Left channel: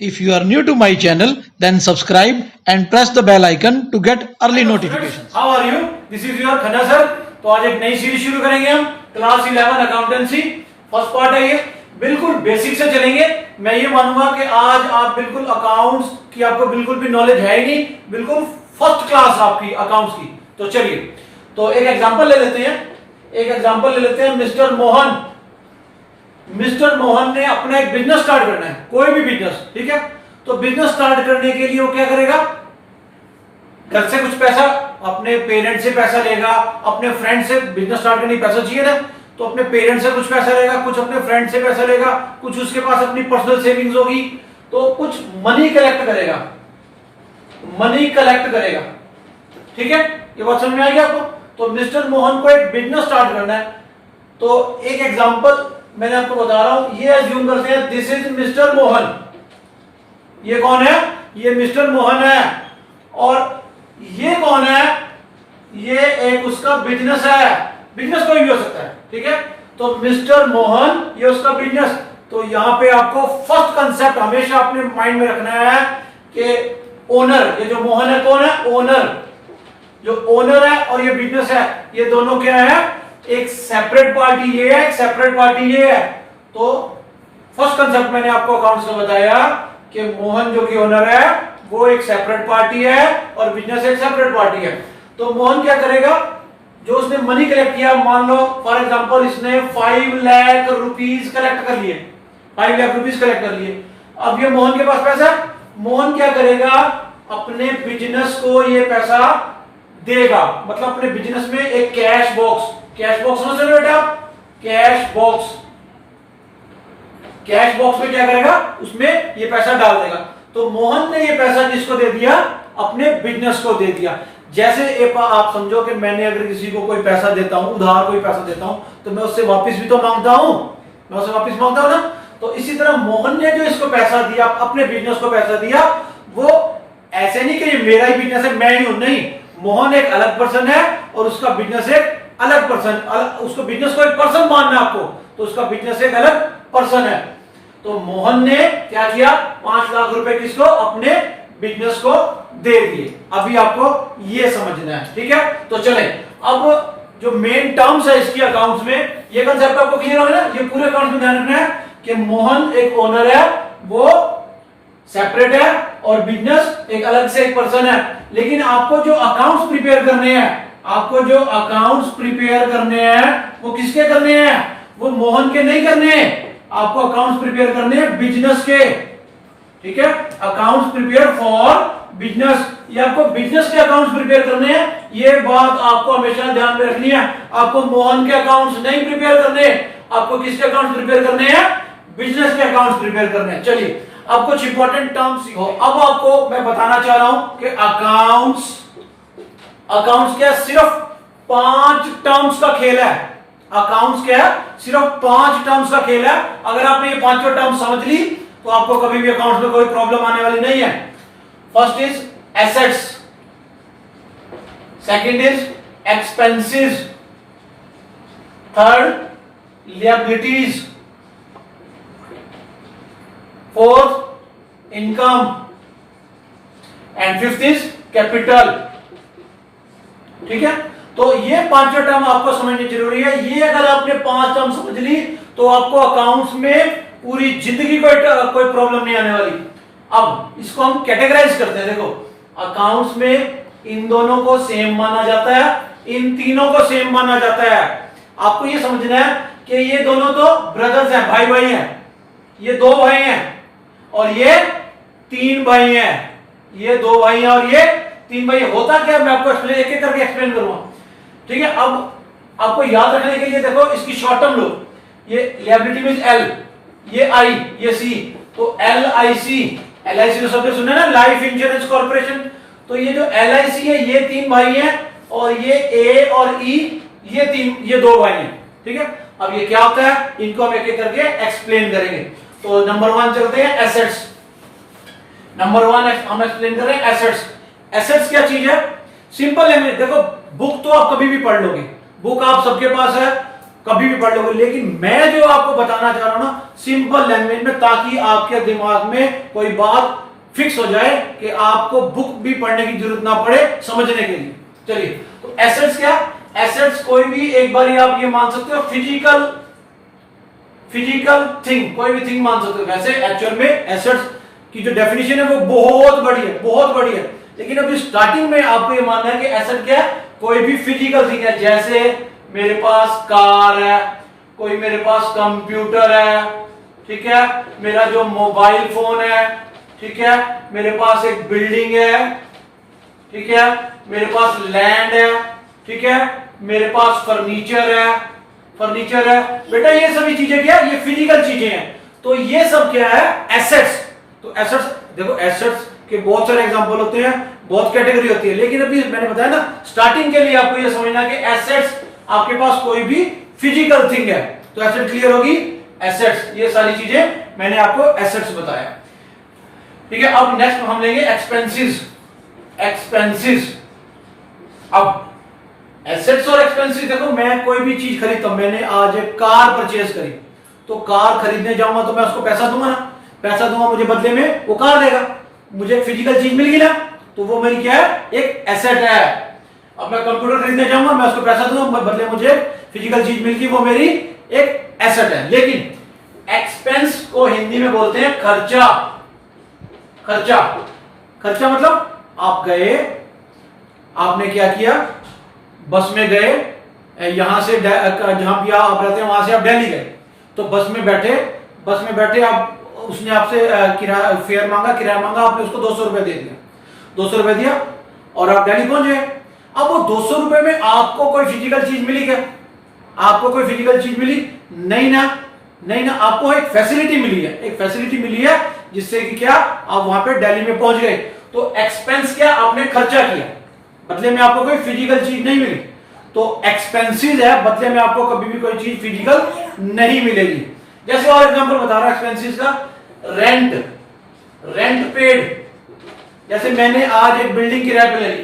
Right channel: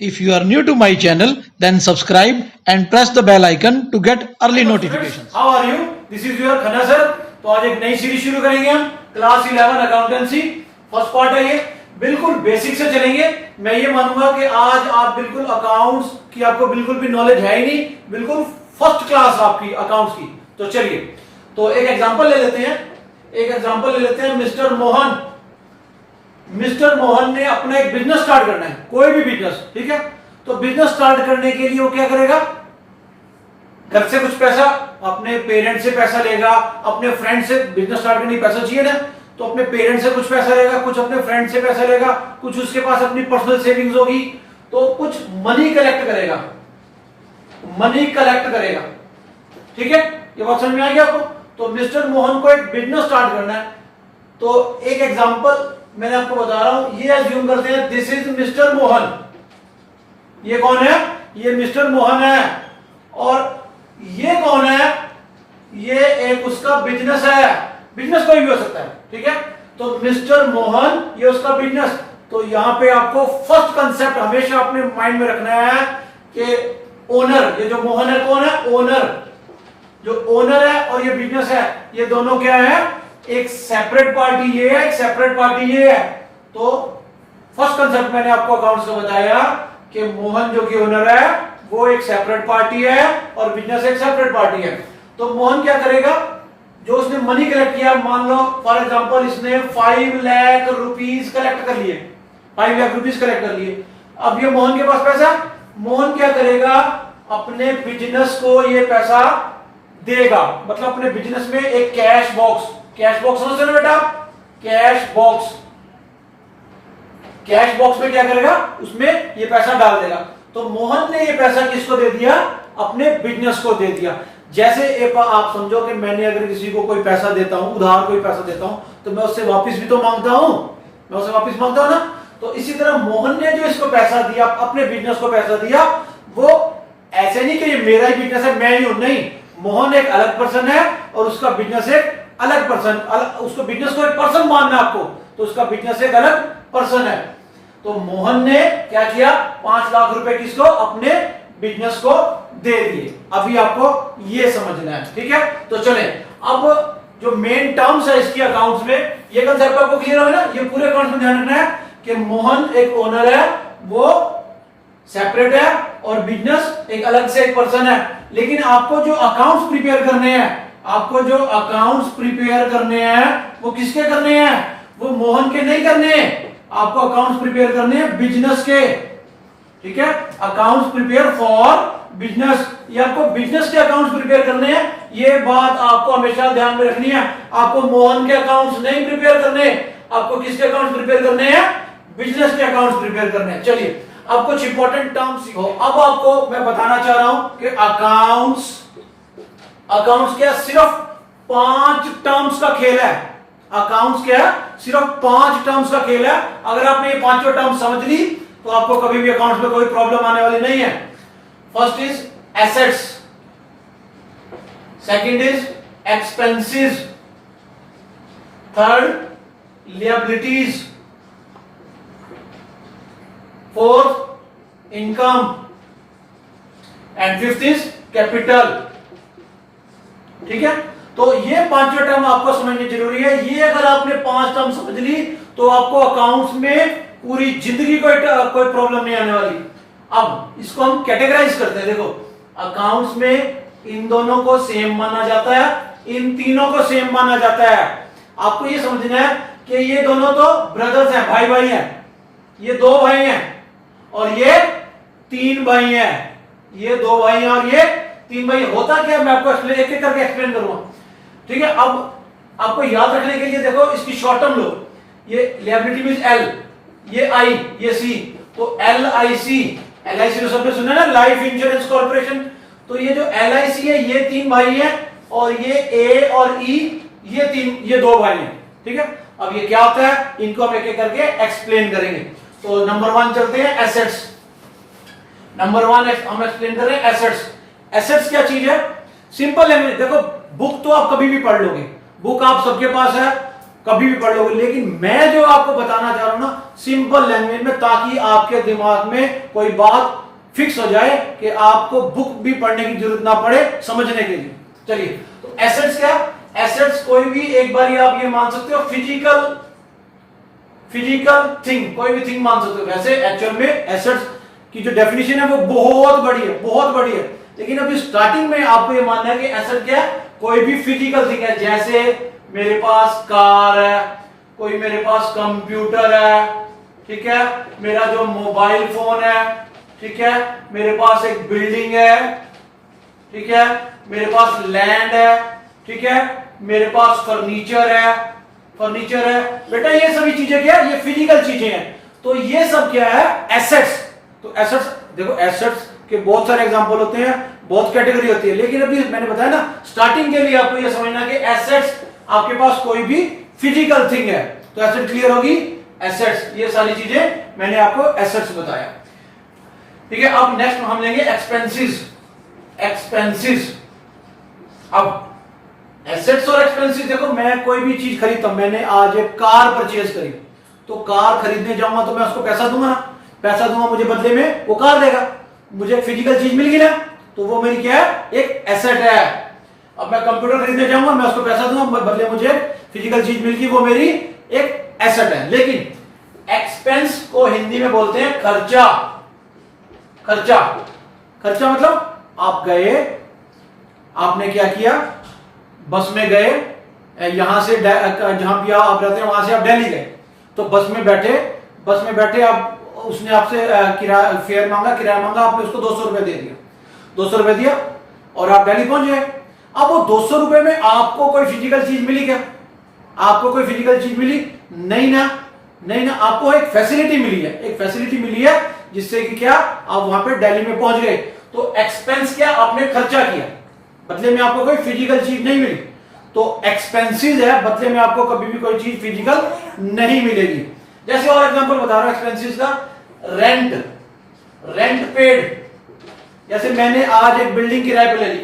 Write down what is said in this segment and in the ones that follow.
If you are new to my channel, then subscribe and press the bell icon to get early notifications. How are you? This is your Khanna sir. तो आज एक नई series शुरू करेंगे हम class 11 accountancy. First part है ये, बिल्कुल बेसिक से चलेंगे। मैं ये मानूंगा कि आज आप बिल्कुल अकाउंट्स की आपको बिल्कुल भी नॉलेज है ही नहीं, बिल्कुल फर्स्ट क्लास आपकी अकाउंट्स की। तो चलिए, तो एक एग्जांपल ले लेते हैं। मिस्टर मोहन ने अपना एक बिजनेस स्टार्ट करना है, कोई भी बिजनेस, ठीक है। तो बिजनेस स्टार्ट करने के लिए वो क्या करेगा? घर से कुछ पैसा, अपने पेरेंट से पैसा लेगा, अपने फ्रेंड से। बिजनेस स्टार्ट करने पैसा चाहिए ना, तो अपने पेरेंट से कुछ पैसा लेगा, कुछ अपने फ्रेंड से पैसा लेगा, कुछ उसके पास अपनी पर्सनल सेविंग्स होगी, तो कुछ मनी कलेक्ट करेगा। ठीक है, ये बात समझ में आ गया आपको? तो मिस्टर मोहन को एक बिजनेस स्टार्ट करना है। तो एक एग्जांपल मैंने आपको बता रहा हूं, ये अज्यूम करते हैं दिस इज मिस्टर मोहन। ये कौन है? ये मिस्टर मोहन है। और ये कौन है? ये एक उसका बिजनेस है। बिजनेस कोई भी हो सकता है, ठीक है। तो मिस्टर मोहन, ये उसका बिजनेस। तो यहां पे आपको फर्स्ट कंसेप्ट हमेशा अपने माइंड में रखना है कि ओनर, ये जो मोहन है कौन है? ओनर। जो ओनर है और ये बिजनेस है, ये दोनों क्या है? एक सेपरेट पार्टी ये है, एक सेपरेट पार्टी ये है। तो फर्स्ट कंसेप्ट मैंने आपको अकाउंट्स का बताया कि मोहन जो कि ओनर है वो एक सेपरेट पार्टी है और बिजनेस एक सेपरेट पार्टी है। तो मोहन क्या करेगा? जो उसने मनी कलेक्ट किया, मान लो फॉर एग्जांपल इसने 5 लाख रुपीस कलेक्ट कर लिए, 5 लाख रुपीस कलेक्ट कर लिए। अब ये मोहन के पास पैसा है। मोहन क्या करेगा? अपने बिजनेस को ये पैसा देगा। मतलब अपने बिजनेस में एक कैश बॉक्स समझ रहे हो बेटा? कैश बॉक्स में क्या करेगा? उसमें ये पैसा डाल देगा। तो मोहन ने ये पैसा किसको दे दिया? अपने बिजनेस को दे दिया। जैसे आप समझो कि मैंने अगर किसी को कोई पैसा देता हूं, उधार कोई पैसा देता हूं, तो मैं उससे वापस भी तो मांगता हूं, ना। तो इसी तरह मोहन ने जो इसको पैसा दिया, अपने बिजनेस को पैसा दिया, वो ऐसे नहीं कि ये मेरा ही बिजनेस है, मैं ही हूं, नहीं। मोहन एक अलग पर्सन है और उसका बिजनेस एक अलग पर्सन। उसको बिजनेस को एक पर्सन मानना आपको, तो उसका बिजनेस एक अलग पर्सन है। तो मोहन ने क्या किया? 5 लाख रुपए किसको? अपने बिजनेस को दे दिए। अभी आपको ये समझना है, ठीक है। तो चले, अब जो मेन टर्म्स है इसकी अकाउंट्स में, ये कंसेप्ट आपको क्लियर होगा ना? ये पूरे अकाउंट में ध्यान रखना है कि मोहन एक ओनर है, वो सेपरेट है, और बिजनेस एक अलग से एक पर्सन है। लेकिन आपको जो अकाउंट्स प्रिपेयर करने हैं, वो किसके करने हैं? वो मोहन के नहीं करने हैं। आपको अकाउंट्स प्रिपेयर करने हैं बिजनेस के, ठीक है। अकाउंट्स प्रिपेयर फॉर बिजनेस, ये आपको बिजनेस के अकाउंट्स प्रिपेयर करने हैं। ये बात आपको हमेशा ध्यान में रखनी है। आपको मोहन के अकाउंट्स नहीं प्रिपेयर करने, आपको किसके अकाउंट्स प्रिपेयर करने हैं? बिजनेस के अकाउंट्स प्रिपेयर करने हैं। चलिए, अब कुछ इंपॉर्टेंट टर्म्स सीखो। अब आपको मैं बताना चाह रहा हूं कि अकाउंट्स क्या? सिर्फ 5 टर्म्स का खेल है। अकाउंट्स क्या है? सिर्फ 5 टर्म्स का खेल है। अगर आपने ये 5 टर्म्स समझ ली, तो आपको कभी भी अकाउंट्स में कोई प्रॉब्लम आने वाली नहीं है। First is assets, second is expenses, third liabilities, fourth income, and fifth is capital. ठीक है, तो ये 5 टर्म आपको समझनी जरूरी है। ये अगर आपने 5 टर्म समझ ली, तो आपको अकाउंट्स में पूरी जिंदगी कोई प्रॉब्लम नहीं आने वाली। अब इसको हम कैटेगराइज करते हैं। देखो, अकाउंट्स में इन दोनों को सेम माना जाता है, इन तीनों को सेम माना जाता है। आपको ये समझना है कि ये दोनों तो ब्रदर्स हैं, भाई हैं। ये 2 भाई हैं और ये 3 भाई हैं। ये 2 भाई हैं और ये 3 भाई। होता क्या, मैं आपको एक एक करके एक्सप्लेन करूंगा, ठीक है। अब आपको याद रखने के लिए देखो, इसकी शॉर्ट टर्म लो। ये लिएबिलिटी मींस एल, ये आई, ये सी। तो LIC तो सबने सुना है ना, लाइफ इंश्योरेंस कॉर्पोरेशन। तो ये जो LIC है, ये 3 भाई हैं, और ये A और E, ये 2 भाई हैं, ठीक है। अब ये क्या होता है, इनको हम एक एक करके एक्सप्लेन करेंगे। तो नंबर 1 चलते हैं, एसेट्स। नंबर 1 हम एक्सप्लेन करें एसेट्स। एसेट्स क्या चीज है? सिंपल है। देखो, बुक तो आप कभी भी पढ़ लोगे, बुक आप सबके पास है, कभी भी पढ़ लोगे, लेकिन मैं जो आपको बताना चाह रहा हूं ना सिंपल लैंग्वेज में, ताकि आपके दिमाग में कोई बात फिक्स हो जाए कि आपको बुक भी पढ़ने की जरूरत ना पड़े समझने के लिए। चलिए, तो एसेट्स क्या? एसेट्स कोई भी, एक बार आप ये मान सकते हो, फिजिकल थिंग, कोई भी थिंग मान सकते हो। वैसे एक्चुअल में एसेट्स की जो डेफिनेशन है वो बहुत बड़ी है, बहुत बड़ी है, लेकिन अभी स्टार्टिंग में आपको ये मानना है कि एसेट क्या है? कोई भी फिजिकल थिंग है। जैसे मेरे पास कार है, कोई मेरे पास कंप्यूटर है, ठीक है, मेरा जो मोबाइल फोन है, ठीक है, मेरे पास एक बिल्डिंग है, ठीक है, मेरे पास लैंड है, ठीक है, मेरे पास फर्नीचर है, बेटा ये सभी चीजें क्या है? ये फिजिकल चीजें हैं। तो ये सब क्या है? एसेट्स। तो एसेट्स देखो, एसेट्स के बहुत सारे एग्जांपल होते हैं, बहुत कैटेगरी होती है, लेकिन अभी मैंने बताया ना स्टार्टिंग के लिए आपको ये समझना कि एसेट्स आपके पास कोई भी फिजिकल थिंग है। तो एसेट क्लियर होगी, एसेट्स, ये सारी चीजें मैंने आपको एसेट्स बताया, ठीक है। अब नेक्स्ट हम लेंगे एक्सपेंसेस। अब एसेट्स और एक्सपेंसेस, देखो मैं कोई भी चीज खरीदता हूं, मैंने आज एक कार परचेज करी, तो कार खरीदने जाऊंगा तो मैं उसको पैसा दूंगा, मुझे बदले में वो कार देगा, मुझे फिजिकल चीज मिल गई ना, तो वो मेरी क्या है? एक एसेट है। अब मैं कंप्यूटर खरीदने जाऊंगा, मैं उसको पैसा दूंगा, बदले मुझे फिजिकल चीज मिल गई, वो मेरी एक एसेट है। लेकिन एक्सपेंस को हिंदी में बोलते हैं खर्चा। खर्चा मतलब आप गए, आपने क्या किया? बस में गए, यहां से जहां भी आप रहते हैं वहां से आप दिल्ली गए, तो बस में बैठे आप, उसने आपसे फेयर मांगा, किराया मांगा, आपने उसको 200 रुपए दे दिया, 200 रुपए दिया और आप दिल्ली पहुंच गए। अब वो 200 रुपए में आपको कोई फिजिकल चीज मिली क्या? आपको कोई फिजिकल चीज मिली? नहीं ना, आपको एक फैसिलिटी मिली है, जिससे कि क्या आप वहां पे दिल्ली में पहुंच गए। तो एक्सपेंस क्या? आपने खर्चा किया, बदले में आपको कोई फिजिकल चीज नहीं मिली, तो एक्सपेंसेस है, बदले में आपको कभी भी कोई चीज फिजिकल नहीं मिलेगी। जैसे और एग्जांपल बता रहा हूं एक्सपेंसेस का, रेंट पेड। जैसे मैंने आज एक बिल्डिंग किराए पे ले ली,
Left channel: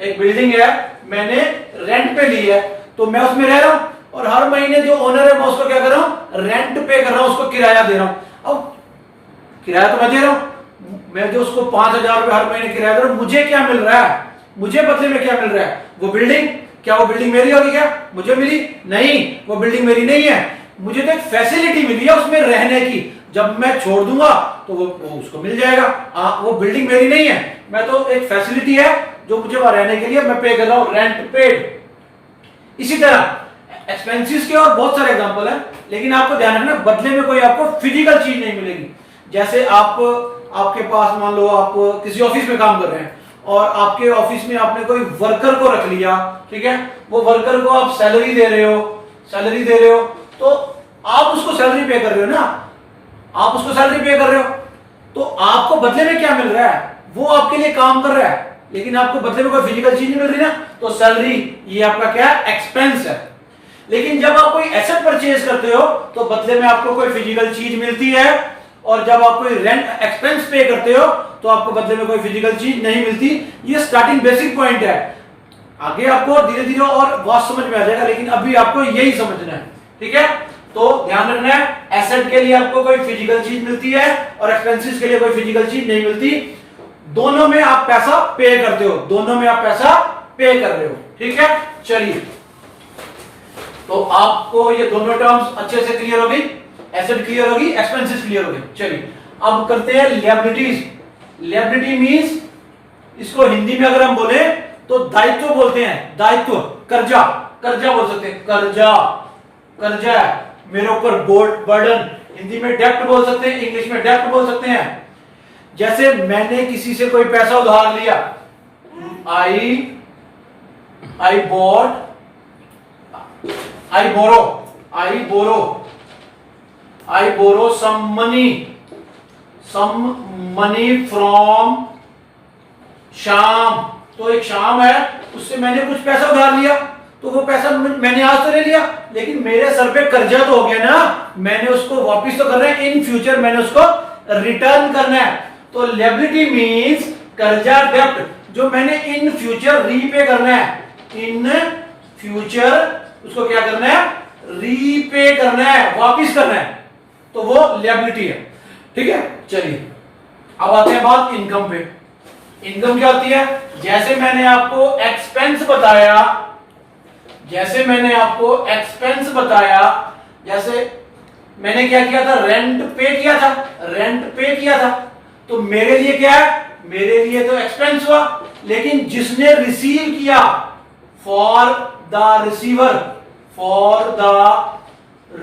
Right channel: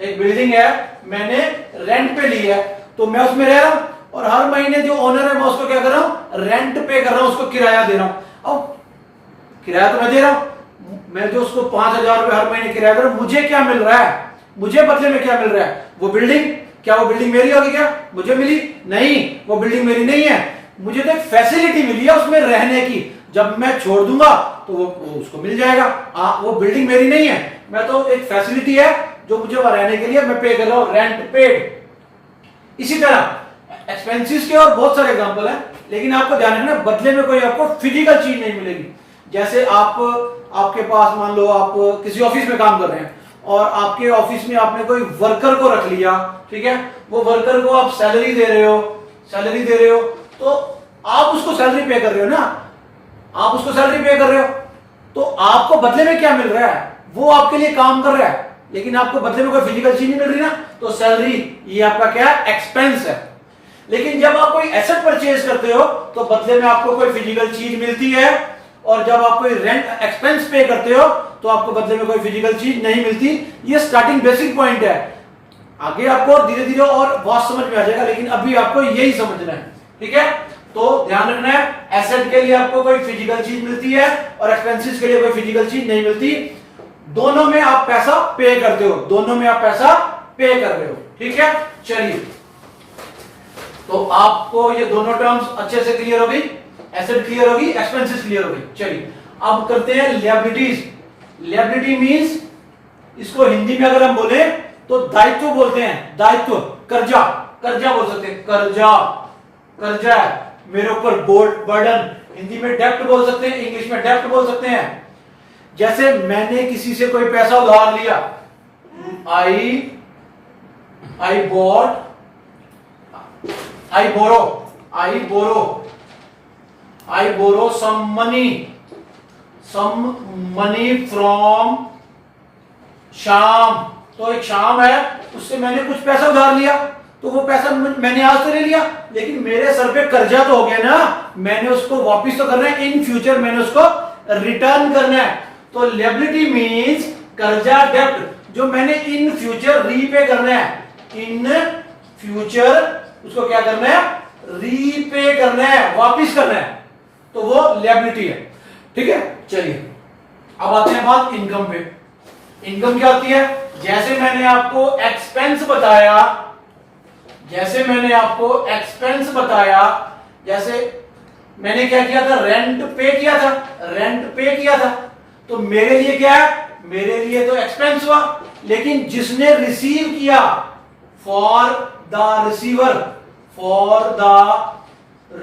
एक बिल्डिंग है, मैंने रेंट पे ली है, तो मैं उसमें रह रहा हूं और हर महीने जो ओनर है मैं उसको क्या कर रहा हूं? रेंट पे कर रहा हूं, उसको किराया दे रहा हूं। अब किराया तो मैं दे रहा हूं, मैं जो उसको 5,000 रुपए हर महीने किराया दे रहा हूं, मुझे क्या मिल रहा है? मुझे बदले में क्या मिल रहा है? वो बिल्डिंग। क्या वो बिल्डिंग मेरी होगी? क्या मुझे मिली? नहीं, वो बिल्डिंग मेरी नहीं है, मुझे तो एक फैसिलिटी मिली है उसमें रहने की। जब मैं छोड़ दूंगा तो वो उसको मिल जाएगा। वो बिल्डिंग मेरी नहीं है, मैं तो एक फैसिलिटी है जो मुझे वहां रहने के लिए मैं पे कर रहा हूं, रेंट पेड। इसी तरह एक्सपेंसेस के और बहुत सारे एग्जांपल हैं, लेकिन आपको ध्यान रखना बदले में कोई आपको फिजिकल चीज नहीं मिलेगी। जैसे आपके पास मान लो आप किसी ऑफिस में काम कर रहे हैं और आपके ऑफिस में आपने कोई वर्कर को रख लिया, ठीक है, वो वर्कर को आप सैलरी दे रहे हो, तो आप उसको सैलरी पे कर रहे हो ना, तो आपको बदले में क्या मिल रहा है? वो आपके लिए काम कर रहा है, लेकिन आपको बदले में कोई फिजिकल चीज नहीं मिल रही ना, तो सैलरी ये आपका क्या है? एक्सपेंस है। लेकिन जब आप कोई एसेट परचेज करते हो तो बदले में आपको कोई फिजिकल चीज मिलती है, और जब आप कोई रेंट एक्सपेंस पे करते हो तो आपको बदले में कोई फिजिकल चीज नहीं मिलती। ये स्टार्टिंग बेसिक पॉइंट है, आगे आपको धीरे धीरे और बहुत समझ में आ जाएगा, लेकिन अभी आपको यही समझना है, ठीक है। तो ध्यान रखना है, एसेट के लिए आपको कोई फिजिकल चीज मिलती है और एक्सपेंसेस के लिए कोई फिजिकल चीज नहीं मिलती। दोनों में आप पैसा पे करते हो, कर रहे हो, ठीक है। चलिए, तो आपको ये दोनों टर्म्स अच्छे से क्लियर हो गई, एसेट क्लियर होगी, एक्सपेंसेस क्लियर हो गई। चलिए अब करते हैं लिएबिलिटीज। लिएबिलिटी मींस, इसको हिंदी में अगर हम बोले तो दायित्व बोलते हैं, दायित्व, कर्जा बोल सकते हैं, कर्जा है मेरे ऊपर, बर्डन, हिंदी में डेप्ट बोल सकते हैं, इंग्लिश में डेप्ट बोल सकते हैं। जैसे मैंने किसी से कोई पैसा उधार लिया, I borrow some money from Shyam. तो एक श्याम है, उससे मैंने कुछ पैसा उधार लिया, तो वो पैसा मैंने आज तो ले लिया, लेकिन मेरे सर पे कर्जा तो हो गया ना, मैंने उसको वापस तो करना है, इन फ्यूचर मैंने उसको रिटर्न करना है। तो लिएबिलिटी मींस कर्जा, डेब्ट, जो मैंने इन फ्यूचर रीपे करना है, इन फ्यूचर उसको क्या करना है, रीपे करना है, वापिस करना है, तो वो लायबिलिटी है। ठीक है, चलिए अब आते हैं बात इनकम पे। इनकम क्या होती है, जैसे मैंने आपको एक्सपेंस बताया, जैसे मैंने क्या किया था, रेंट पे किया था, तो मेरे लिए क्या है, मेरे लिए तो एक्सपेंस हुआ, लेकिन जिसने रिसीव किया, for the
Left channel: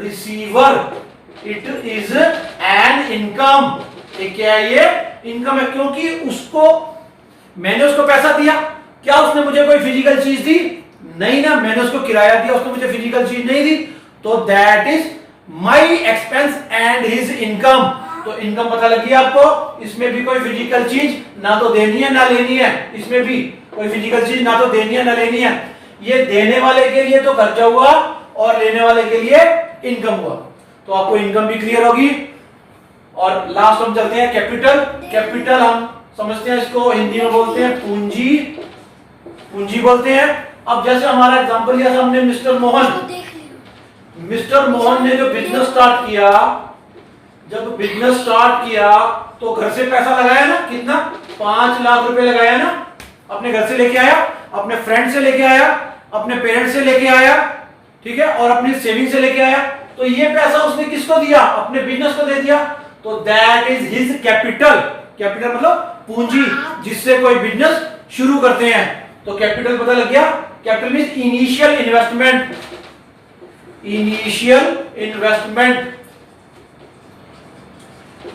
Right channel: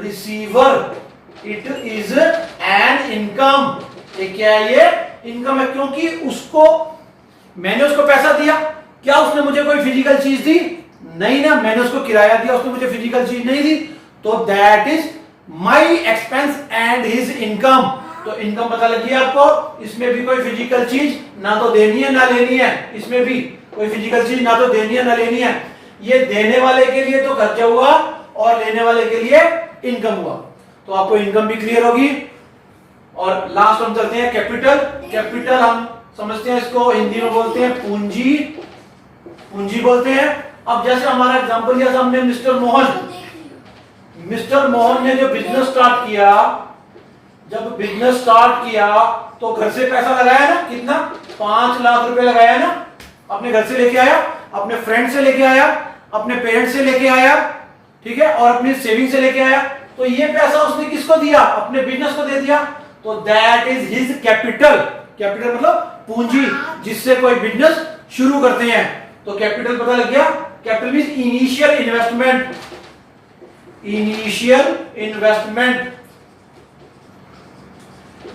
receiver it is an income. ये क्या है, ये इनकम है, क्योंकि उसको मैंने उसको पैसा दिया, क्या उसने मुझे कोई फिजिकल चीज दी, नहीं ना, मैंने उसको किराया दिया, उसने मुझे फिजिकल चीज नहीं दी, तो that is my expense and his income. तो इनकम पता लगी आपको, इसमें भी कोई फिजिकल चीज ना तो देनी है ना लेनी है, इसमें भी कोई फिजिकल चीज ना तो देनी है ना लेनी है। ये देने वाले के लिए तो खर्चा हुआ और लेने वाले के लिए इनकम हुआ, तो आपको इनकम भी क्लियर होगी। और लास्ट हम चलते हैं कैपिटल हम समझते हैं, इसको हिंदी में बोलते हैं पूंजी बोलते हैं। अब जैसे हमारा एग्जांपल लिया था हमने मिस्टर मोहन ने जो बिजनेस स्टार्ट किया, तो घर से पैसा लगाया ना, कितना, 5 लाख रुपए लगाया ना, अपने घर से लेके आया, अपने फ्रेंड से लेके आया, अपने पेरेंट्स से लेके आया, ठीक है, और अपनी सेविंग से लेके आया, तो ये पैसा उसने किसको दिया, अपने बिजनेस को दे दिया, तो दैट इज हिज कैपिटल मतलब पूंजी, जिससे कोई बिजनेस शुरू करते हैं। तो कैपिटल पता लग गया, capital means initial investment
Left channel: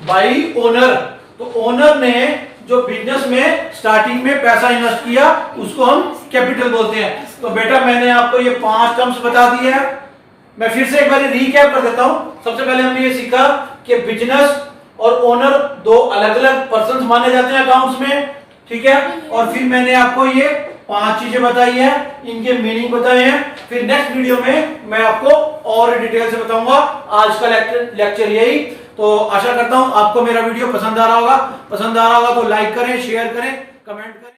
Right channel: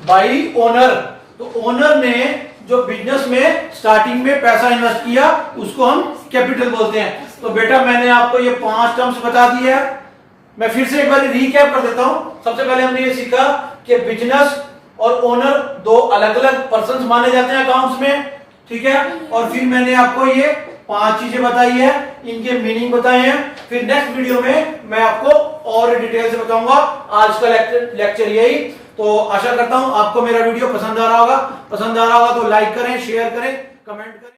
by owner. तो ओनर ने जो बिजनेस में स्टार्टिंग में पैसा इन्वेस्ट किया, उसको हम कैपिटल बोलते हैं। तो बेटा मैंने आपको ये 5 टर्म्स बता दी है, मैं फिर से एक बार रिकैप कर देता हूं। सबसे पहले हमने ये सीखा कि बिजनेस और ओनर 2 अलग अलग पर्सन माने जाते हैं अकाउंट्स में, ठीक है। और फिर मैंने आपको ये 5 चीजें बताई है, इनके मीनिंग बताए हैं। फिर नेक्स्ट वीडियो में मैं आपको और डिटेल से बताऊंगा। आज का लेक्चर यही। तो आशा करता हूं आपको मेरा वीडियो पसंद आ रहा होगा तो लाइक करें, शेयर करें, कमेंट करें।